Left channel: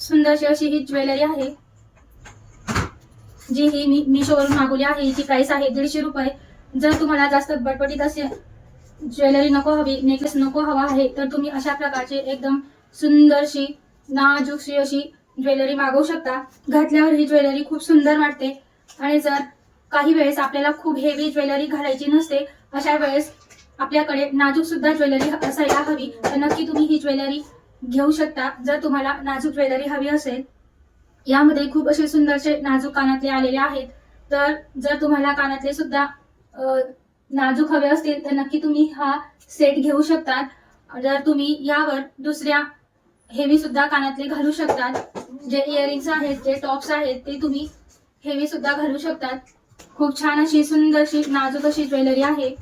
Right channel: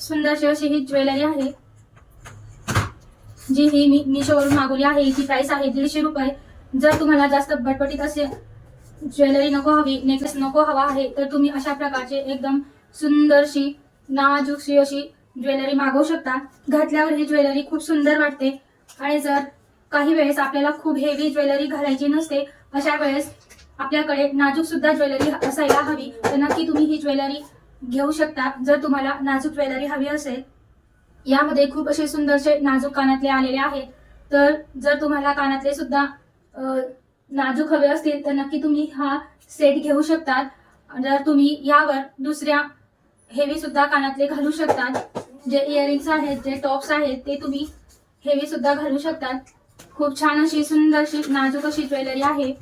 सुंदरशी अशी ही ज्वेलरी आहे. जी ही मी मिशोवरून मागवली आहे. हिची प्राइस आहे दीडशे रुपये. जर तुम्हाला जास्त बटबटीत असे ज्वेलरी नको हवी नेकलेस नको हवा आहे तर तुम्ही अशा प्रकारचे एकदम सुंदरशी नाजूकशी अशी ज्वेलरी मागवू शकता. घातल्यावर ही ज्वेलरी खूप सुंदर वाटते. आणि जर काही वेळेस आपल्याला खूप हेवी ज्वेलरी घालायची नसते अशा वेळेस आपल्याकडे नाजूक सुद्धा ज्वेलरी असायला हवी. तर नक्की तुम्ही ही ज्वेलरी घेऊ शकता. जर तुम्हाला नाजूक ज्वेलरी हवी असेल यामध्ये खूप असे सुंदरसे नाजूक कानातले आलेले आहेत. तर जर तुम्हाला कानातले सुद्धा नाजूक हवे असतील तर नक्की तुम्ही हा सेट घेऊ शकतात. जर तुम्ही यावर दुसऱ्या हेवी सुद्धा कानातले घालू शकतात. जे इयरिंग्स आहेत जे टॉप्स आहेत ते तुम्ही हेवी सुद्धा घालू शकतात. खूप छान अशी सुंदरशी नाजूक अशी ज्वेलरी आहे.